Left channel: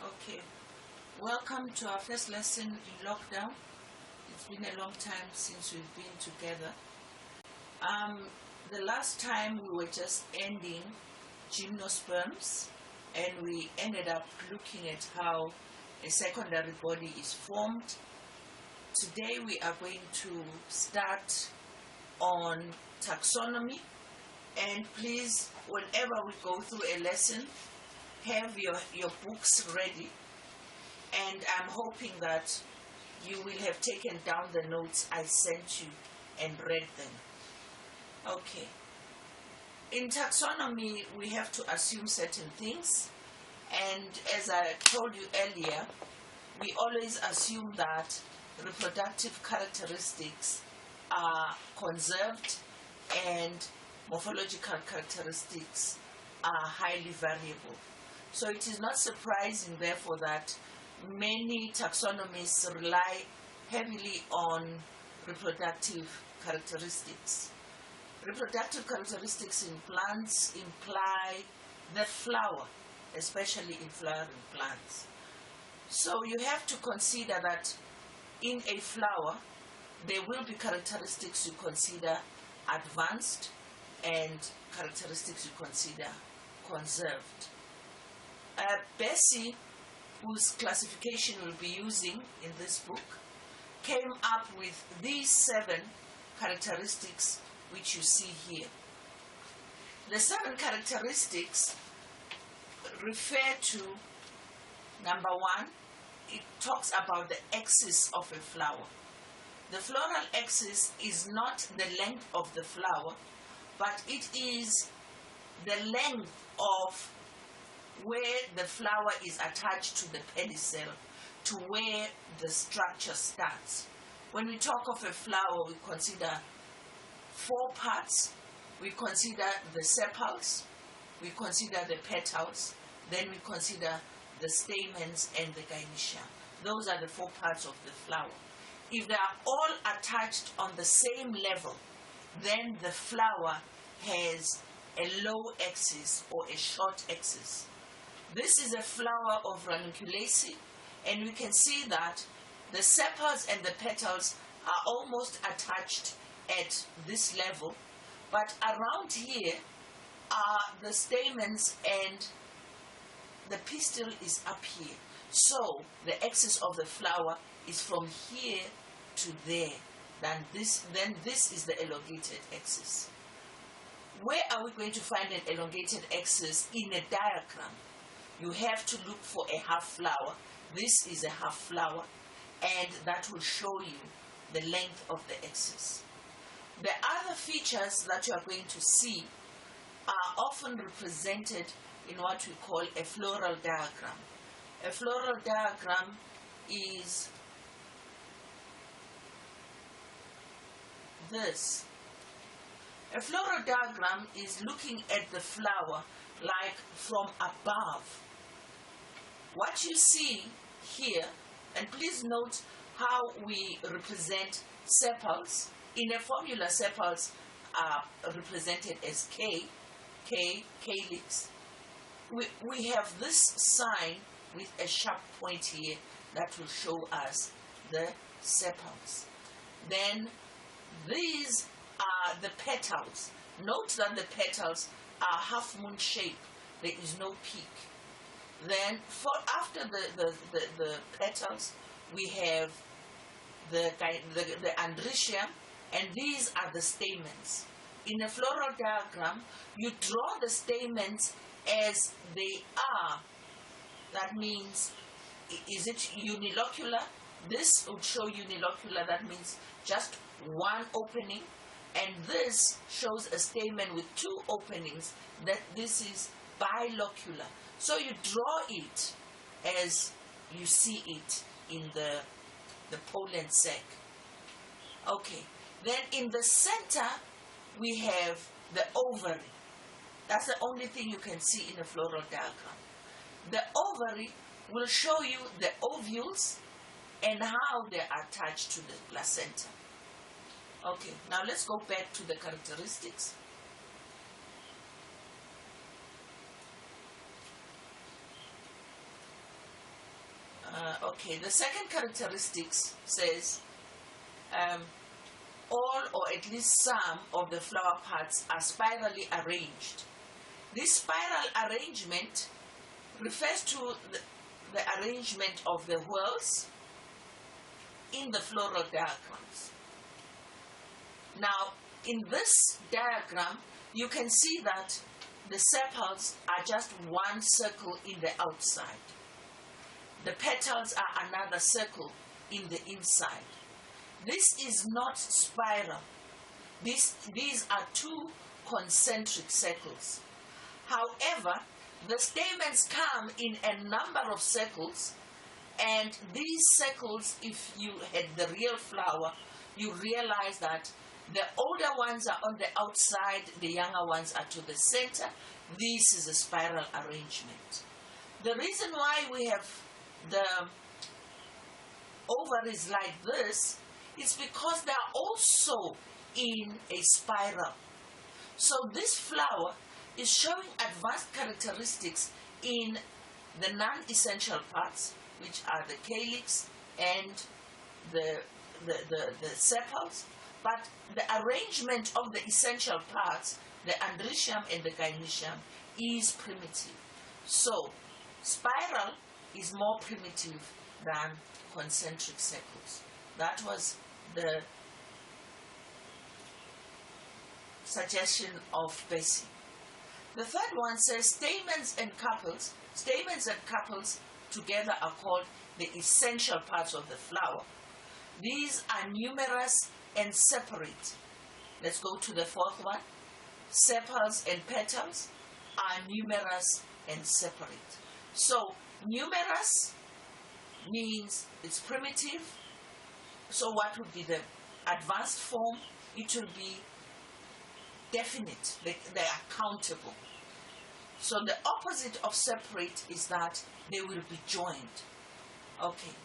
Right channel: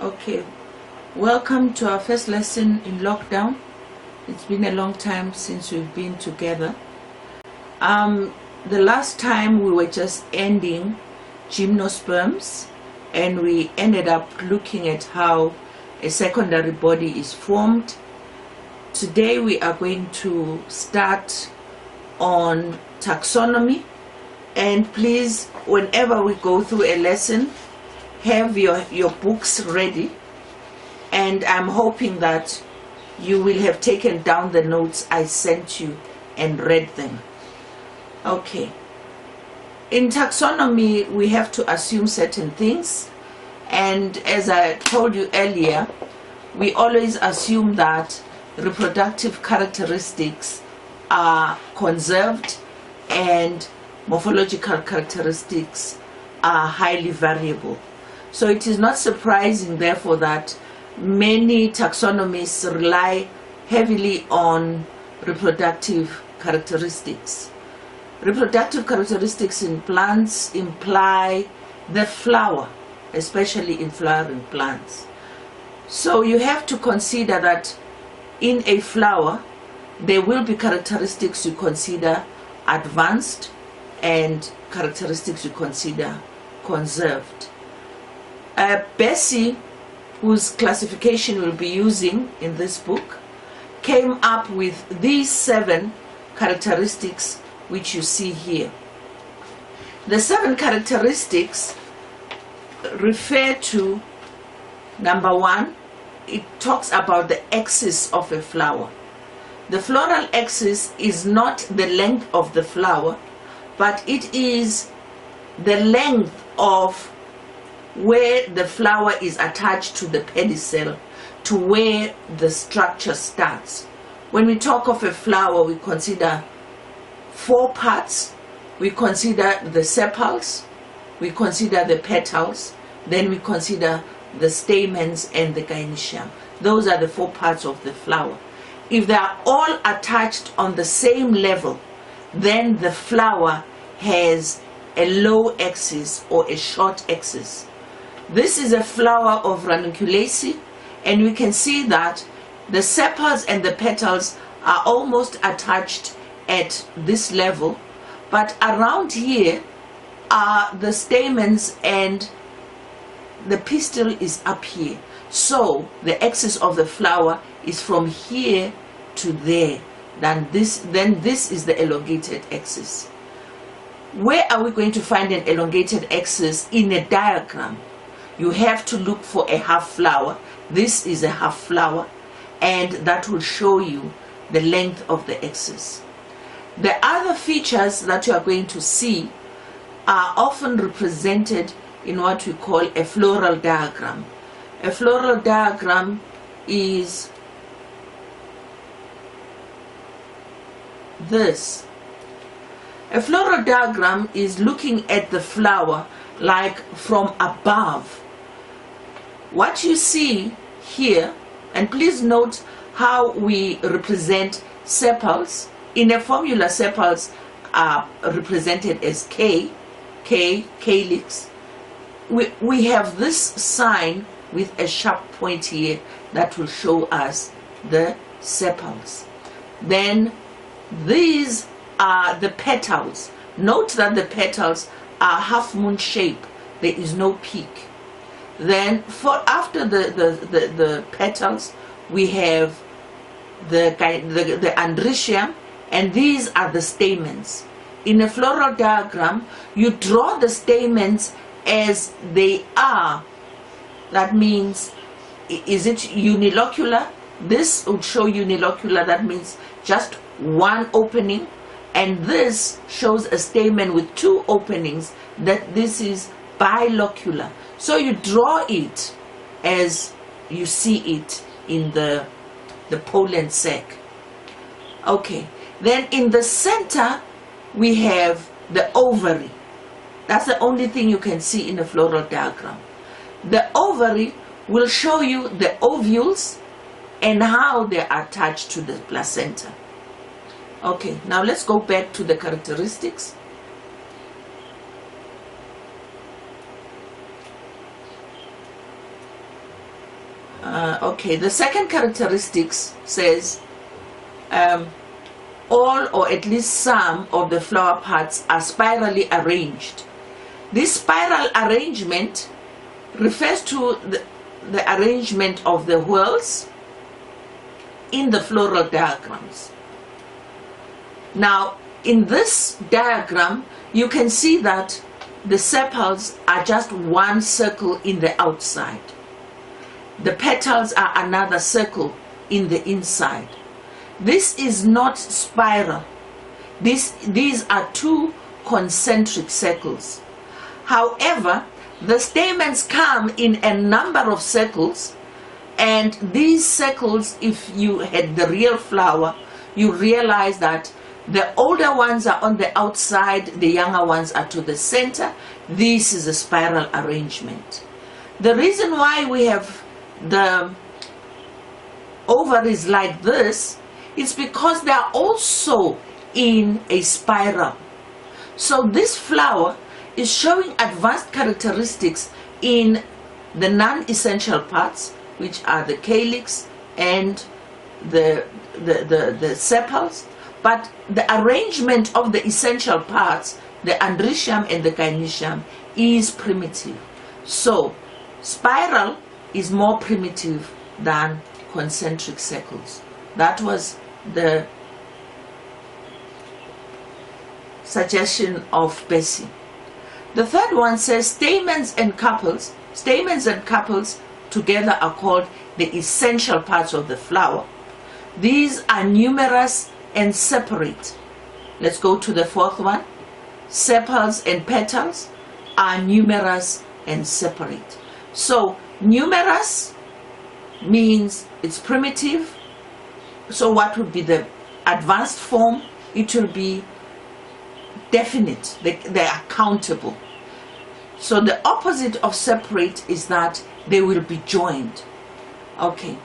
Okay, welcome to our first lesson in lockdown. It's been a long time since we've been together. The last time we were just ending gymnosperms, and we ended up looking at how a secondary body is formed. Today we are going to start on taxonomy, and please, whenever we go through a lesson, have your books ready, and I'm hoping that you will have taken down the notes I sent you and read them. Okay, in taxonomy we have to assume certain things, and as I told you earlier, we always assume that reproductive characteristics are conserved and morphological characteristics are highly variable. So it is not surprising, therefore, that many taxonomists rely heavily on reproductive characteristics. Reproductive characteristics in plants imply the flower, especially in flowering plants. So you have to consider that in a flower, there will be characteristics you consider advanced and characteristics you consider conserved. Bessie, whose classification we'll be using in this book, came up with these 7 characteristics which you see here. The 7 characteristics refer to, number 1, it talks about the axis of a flower. The floral axis is not the length of the flower, but it is the length of where the flower is attached to the pedicel, to where the structure starts. When we talk of a flower, we consider 4 parts. We consider the sepals, we consider the petals, then we consider the stamens and the gynoecium. Those are the 4 parts of the flower. If they are all attached on the same level, then the flower has a low axis or a short axis. This is a flower of ranunculaceae, and we can see that the sepals and the petals are almost attached at this level, but around here are the stamens and the pistil is up here. So the axis of the flower is from here to there. Then this is the elongated axis. Where are we going to find an elongated axis in a diagram? You have to look for a half flower. This is a half flower, and that will show you the length of the axis. The other features that you are going to see are often represented in what we call a floral diagram. A floral diagram is this. A floral diagram is looking at the flower like from above. What you see here, and please note how we represent sepals. In a formula, sepals are represented as K, calyx. We have this sign with a sharp point here that will show us the sepals. Then these are the petals. Note that the petals are half moon shape. There is no peak. Then after the petals, we have the androecium, and these are the stamens. In a floral diagram, you draw the stamens as they are. That means, is it unilocular? This would show unilocular, that means just one opening, and this shows a stamen with 2 openings, that this is bilocular. So you draw it as you see it in the pollen sac. Okay, then in the center we have the ovary. That's the only thing you can see in a floral diagram. The ovary will show you the ovules and how they are attached to the placenta. Okay, now let's go back to the characteristics. Okay, the second characteristics says all or at least some of the flower parts are spirally arranged. This spiral arrangement refers to the arrangement of the whorls in the floral diagrams. Now, in this diagram, you can see that the sepals are just one circle in the outside. The petals are another circle in the inside. This is not spiral. These are two concentric circles. However, the stamens come in a number of circles, and these circles, if you had the real flower, you realize that the older ones are on the outside, the younger ones are to the center. This is a spiral arrangement. The reason why we have the ovaries like this is because they are also in a spiral. So this flower is showing advanced characteristics in the non-essential parts, which are the calyx and the sepals, but the arrangement of the essential parts, the androecium and the gynoecium, is primitive. So spiral is more primitive than concentric circles. That was the suggestion of Bessie. The third one says stamens and carpels together are called the essential parts of the flower. These are numerous and separate. Let's go to the fourth one. Sepals and petals are numerous and separate. So numerous means it's primitive. So what would be the advanced form? It will be definite. They are countable. So the opposite of separate is that they will be joined. Okay.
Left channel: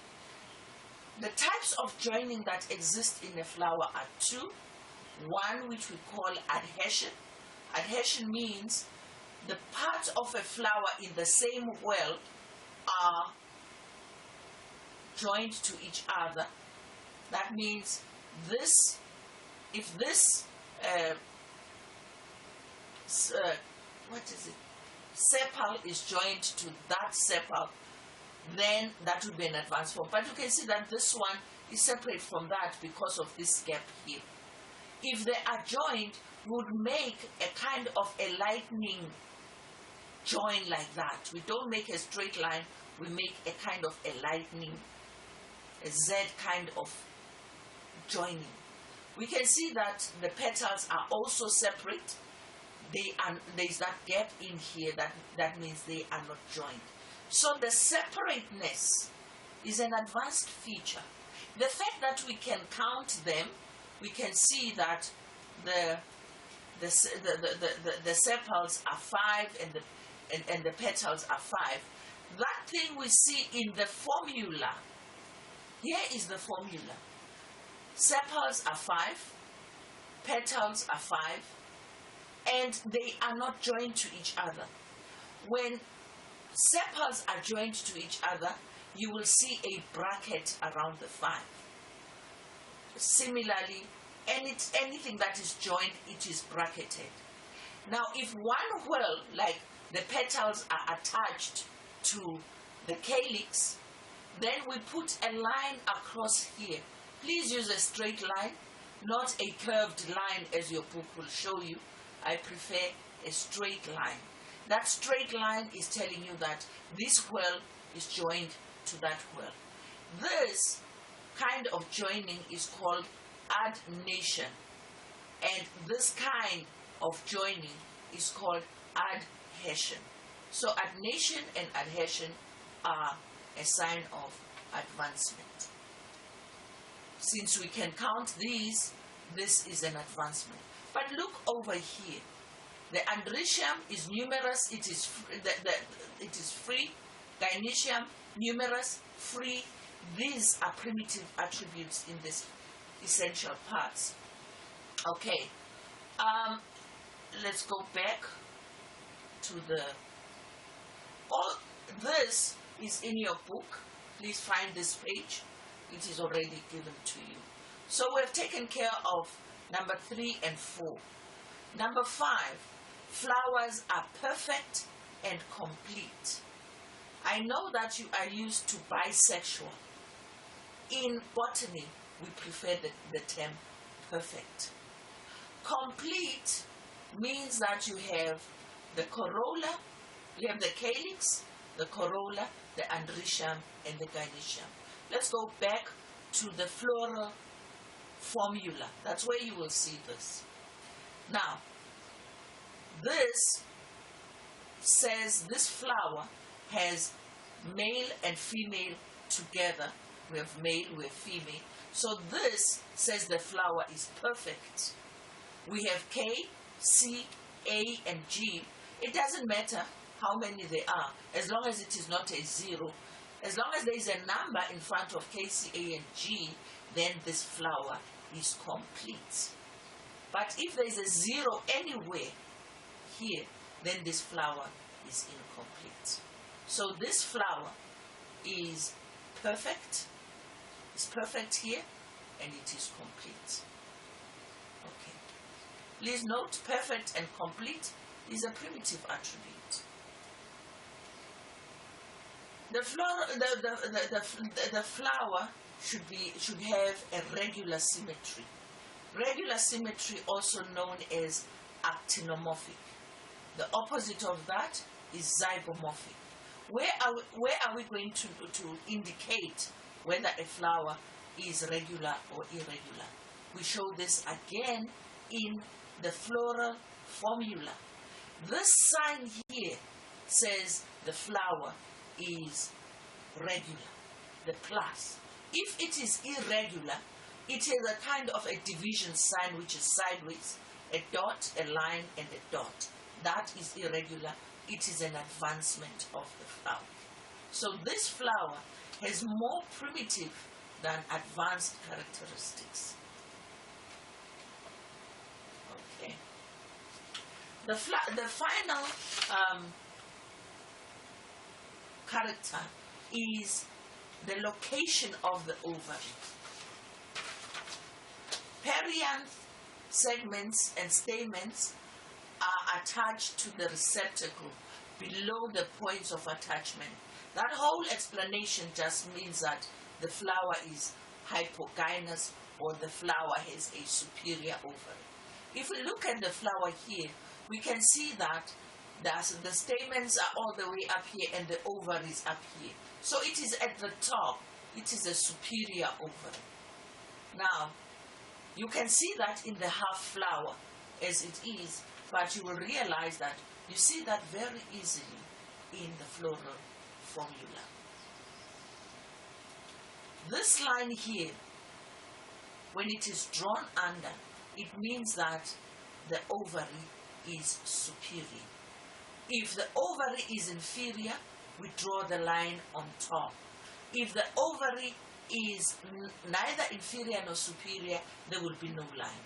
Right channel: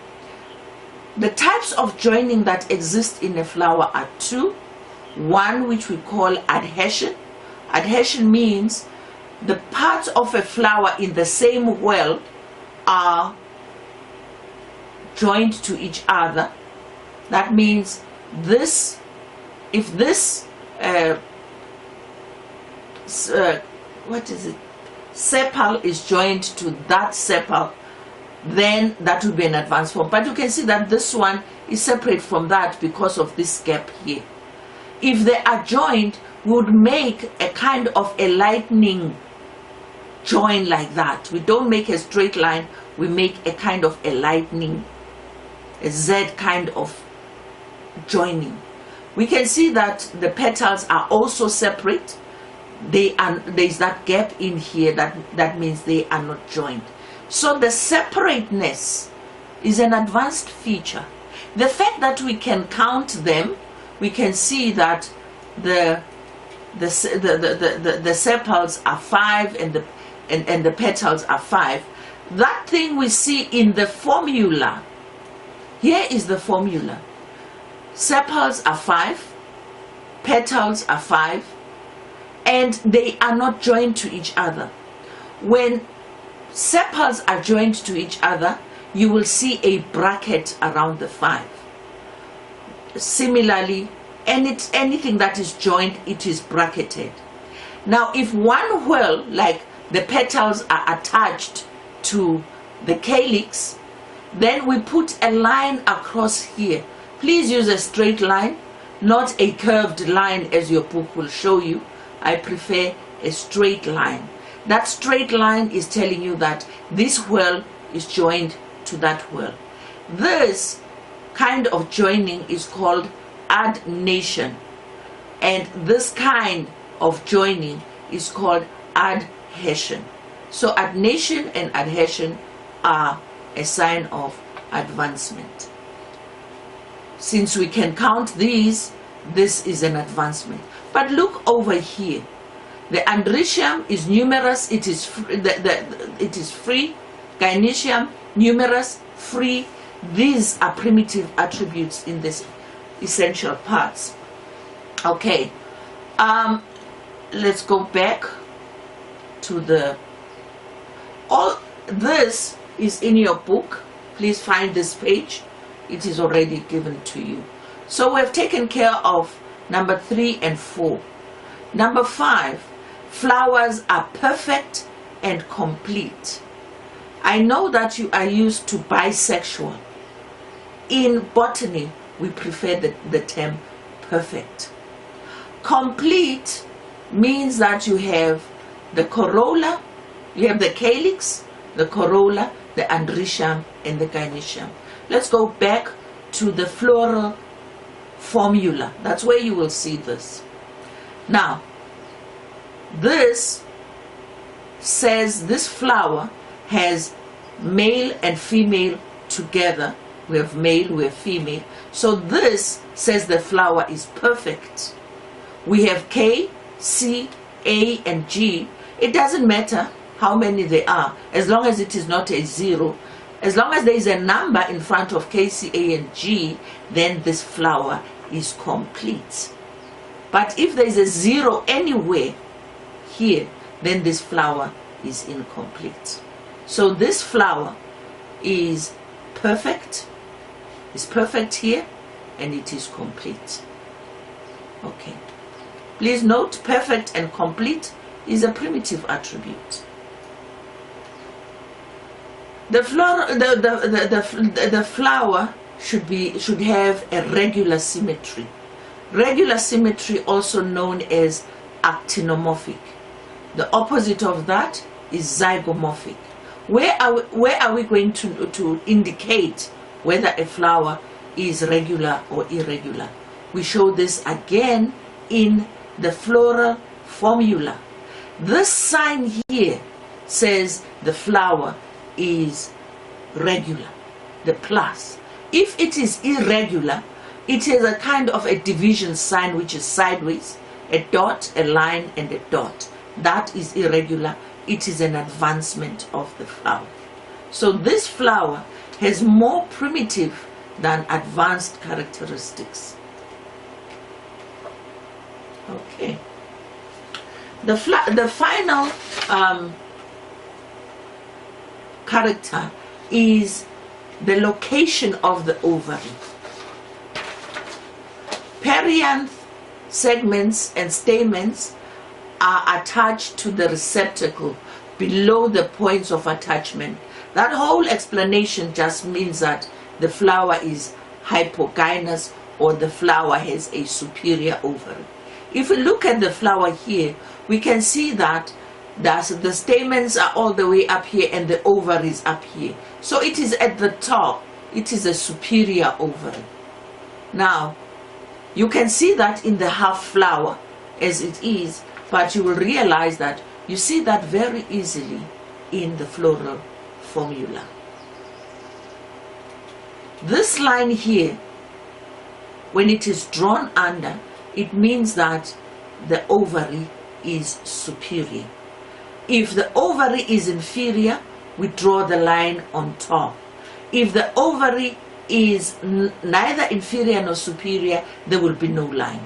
The types of joining that exist in a flower are two. One which we call adhesion. Adhesion means the parts of a flower in the same whorl are joined to each other. That means this, if this sepal is joined to that sepal, then that would be an advanced form. But you can see that this one is separate from that because of this gap here. If they are joined, we would make a kind of a lightning join like that. We don't make a straight line, we make a kind of a lightning, a Z kind of joining. We can see that the petals are also separate. There's that gap in here, that means they are not joined. So the separateness is an advanced feature. The fact that we can count them, we can see that the sepals are 5 and the petals are 5. That thing we see in the formula. Here is the formula. Sepals are 5, petals are 5, and they are not joined to each other. When sepals are joined to each other, you will see a bracket around the 5. Similarly, anything that is joined, it is bracketed. Now, if one whorl, like the petals, are attached to the calyx, then we put a line across here. Please use a straight line, not a curved line as your book will show you. I prefer a straight line. That straight line is telling you that this whorl is joined to that whorl. This kind of joining is called adnation, and this kind of joining is called adhesion. So adnation and adhesion are a sign of advancement. Since we can count these, this is an advancement. But look over here. The androecium is numerous, it is free. Gynoecium, numerous, free. These are primitive attributes in this essential parts. Okay, let's go back to all this is in your book. please find this page. It is already given to you. So we have taken care of number 3 and 4. Number 5, flowers are perfect and complete. I know that you are used to bisexual. In botany, we prefer the term perfect. Complete means that you have the corolla, you have the calyx, the corolla, the androecium, and the gynoecium. Let's go back to the floral formula. That's where you will see this. Now, this says this flower has male and female together. We have male, we have female. So this says the flower is perfect. We have K, C, A, and G. It doesn't matter how many there are, as long as it is not a 0. As long as there is a number in front of K, C, A, and G, then this flower is complete. But if there is a 0 anywhere here, then this flower is incomplete. So this flower is perfect. It's perfect here, and it is complete. Okay. Please note, perfect and complete is a primitive attribute. The flower should have a regular symmetry. Regular symmetry, also known as actinomorphic. The opposite of that is zygomorphic. Where are we going to indicate whether a flower is regular or irregular? We show this again in the floral formula. This sign here says the flower is regular, the plus. If it is irregular, it is a kind of a division sign which is sideways, a dot, a line, and a dot. That is irregular. It is an advancement of the flower. So this flower has more primitive than advanced characteristics. Okay. The final character is the location of the ovary. Perianth segments and stamens are attached to the receptacle below the points of attachment. That whole explanation just means that the flower is hypogynous, or the flower has a superior ovary. If we look at the flower here, we can see that the stamens are all the way up here and the ovary is up here. So it is at the top. It is a superior ovary. Now, you can see that in the half flower as it is, but you will realize that you see that very easily in the floral formula. This line here, when it is drawn under, it means that the ovary is superior. If the ovary is inferior, we draw the line on top. If the ovary is neither inferior nor superior, there will be no line.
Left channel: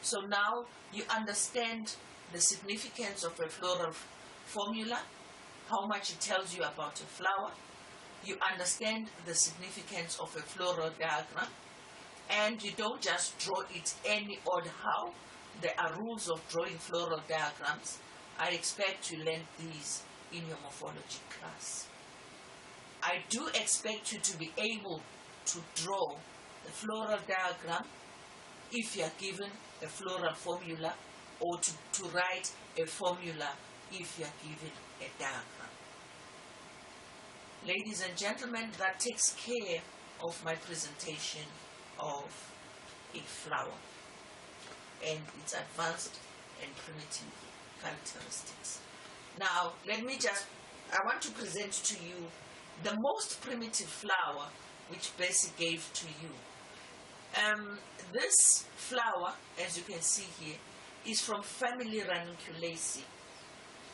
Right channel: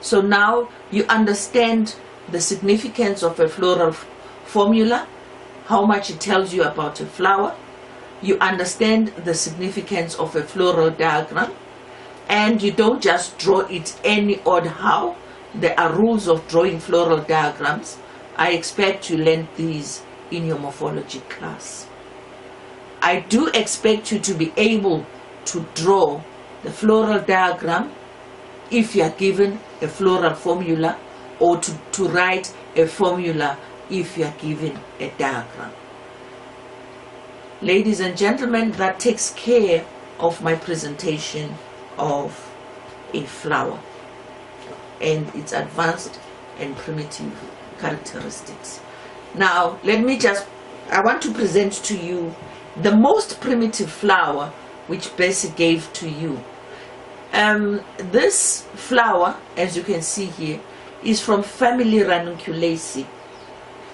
So now you understand the significance of a floral formula, how much it tells you about a flower. You understand the significance of a floral diagram, and you don't just draw it any odd how. There are rules of drawing floral diagrams. I expect you learned these in your morphology class. I do expect you to be able to draw the floral diagram if you are given a floral formula, or to write a formula if you are given a diagram. Ladies and gentlemen, that takes care of my presentation of a flower and its advanced and primitive characteristics. Now, I want to present to you the most primitive flower which Bessie gave to you. This flower, as you can see here, is from family Ranunculaceae.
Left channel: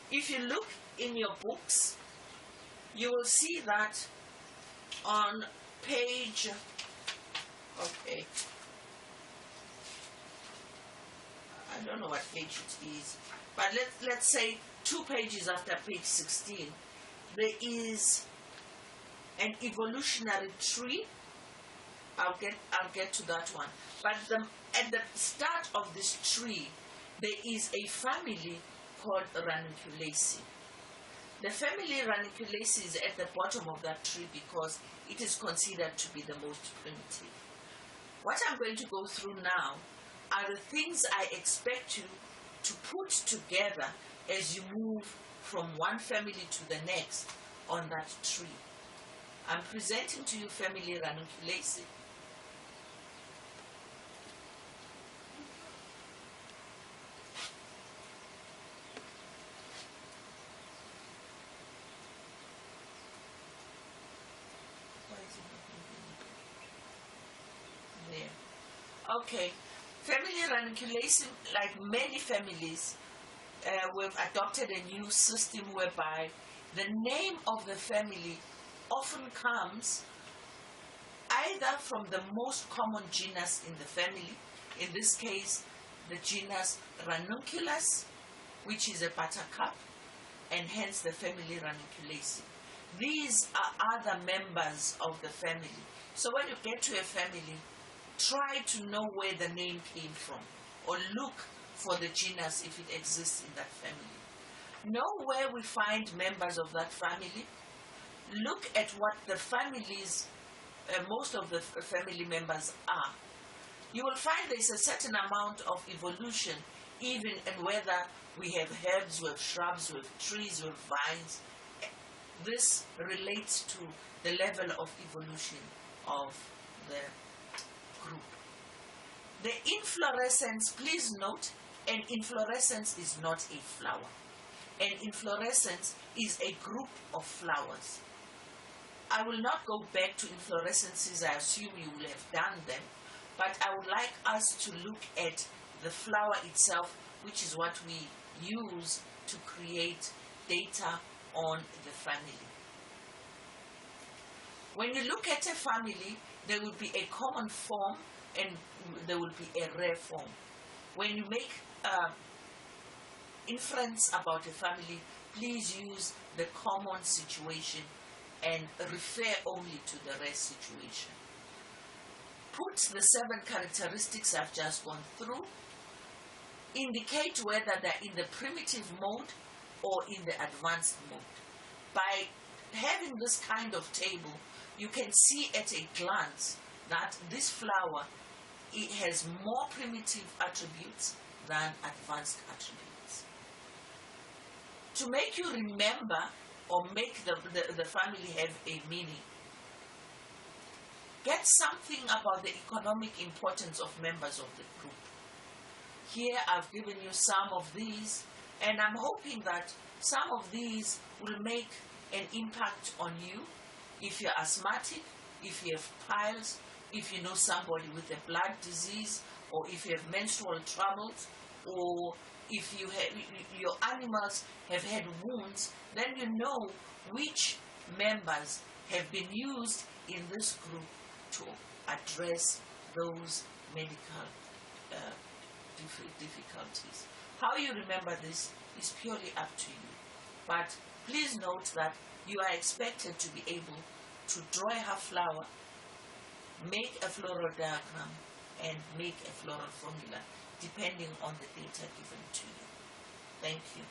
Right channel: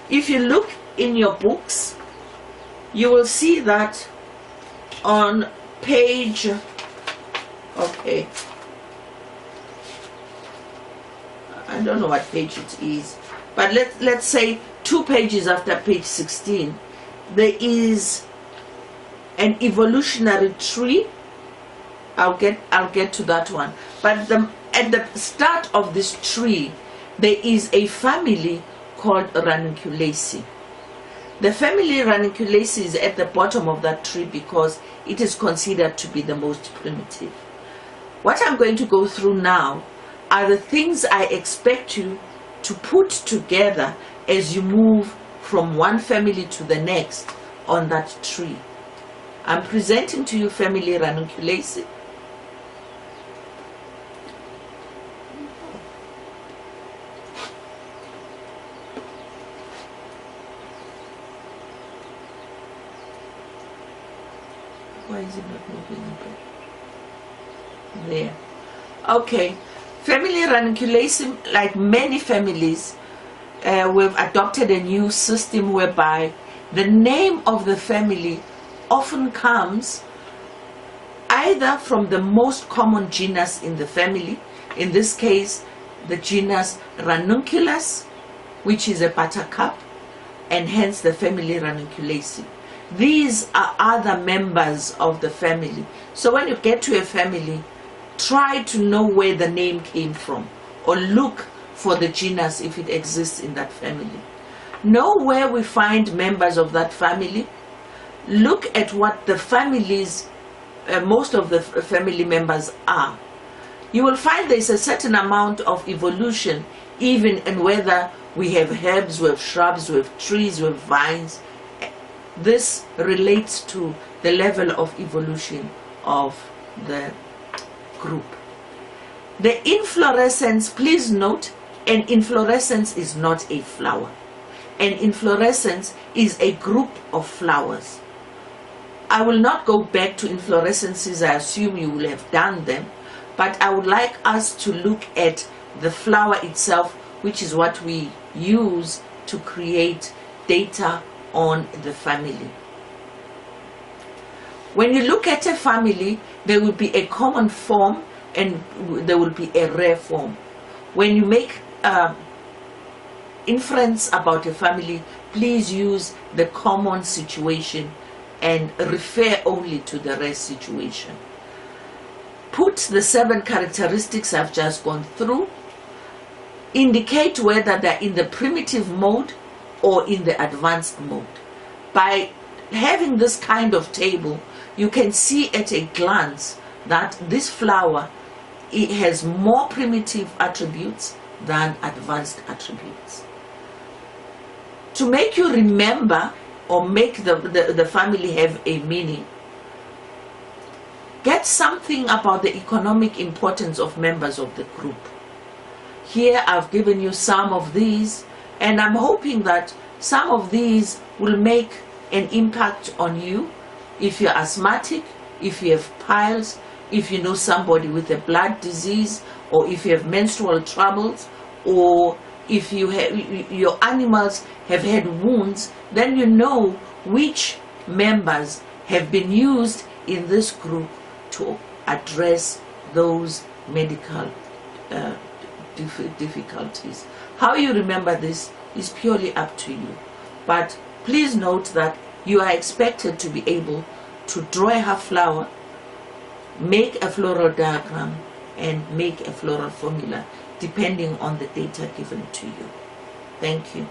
If you look in your books, you will see that on page, okay, I don't know what page it is, but let's say 2 pages after page 16, there is an evolutionary tree. I'll get to that one. But at the start of this tree, there is a family called Ranunculaceae. The family Ranunculaceae is at the bottom of that tree because it is considered to be the most primitive. What I'm going to go through now are the things I expect you to put together as you move from one family to the next on that tree. I'm presenting to you family Ranunculaceae. Why is it not moving? There. Okay. Family Ranunculaceae, like many families, we've adopted a new system whereby the name of the family often comes either from the most common genus in the family, in this case the genus Ranunculus, which is a buttercup, and hence the family Ranunculaceae. These are other members of the family. So when you get to a family, try to know where the name came from, or look for the genus if it exists in that family. Know where we find members of that family. Look at what the families, most of the family members are. You will find there's a certain amount of evolution even in whether we have herbs, we have shrubs, we have trees, we have vines. This relates to the level of evolution of the group. The inflorescence, please note, an inflorescence is not a flower. An inflorescence is a group of flowers. I will not go back to inflorescences, I assume you will have done them, but I would like us to look at the flower itself, which is what we use to create data on the family. When you look at a family, there will be a common form and there will be a rare form. When you make inference about a family, please use the common situation and refer only to the rare situation. Put the 7 characteristics I've just gone through. Indicate whether they're in the primitive mode or in the advanced mode. By having this kind of table, you can see at a glance that this flower, it has more primitive attributes than advanced attributes. To make you remember or make the family have a meaning, get something about the economic importance of members of the group. Here I've given you some of these, and I'm hoping that some of these will make an impact on you. If you're asthmatic, if you have piles, if you know somebody with a blood disease, or if you have menstrual troubles, or if you have, your animals have had wounds, then you know which members have been used in this group to address those medical difficulties. How you remember this is purely up to you. But please note that you are expected to be able to draw a half flower, make a floral diagram, and make a floral formula depending on the data given to you. Thank you.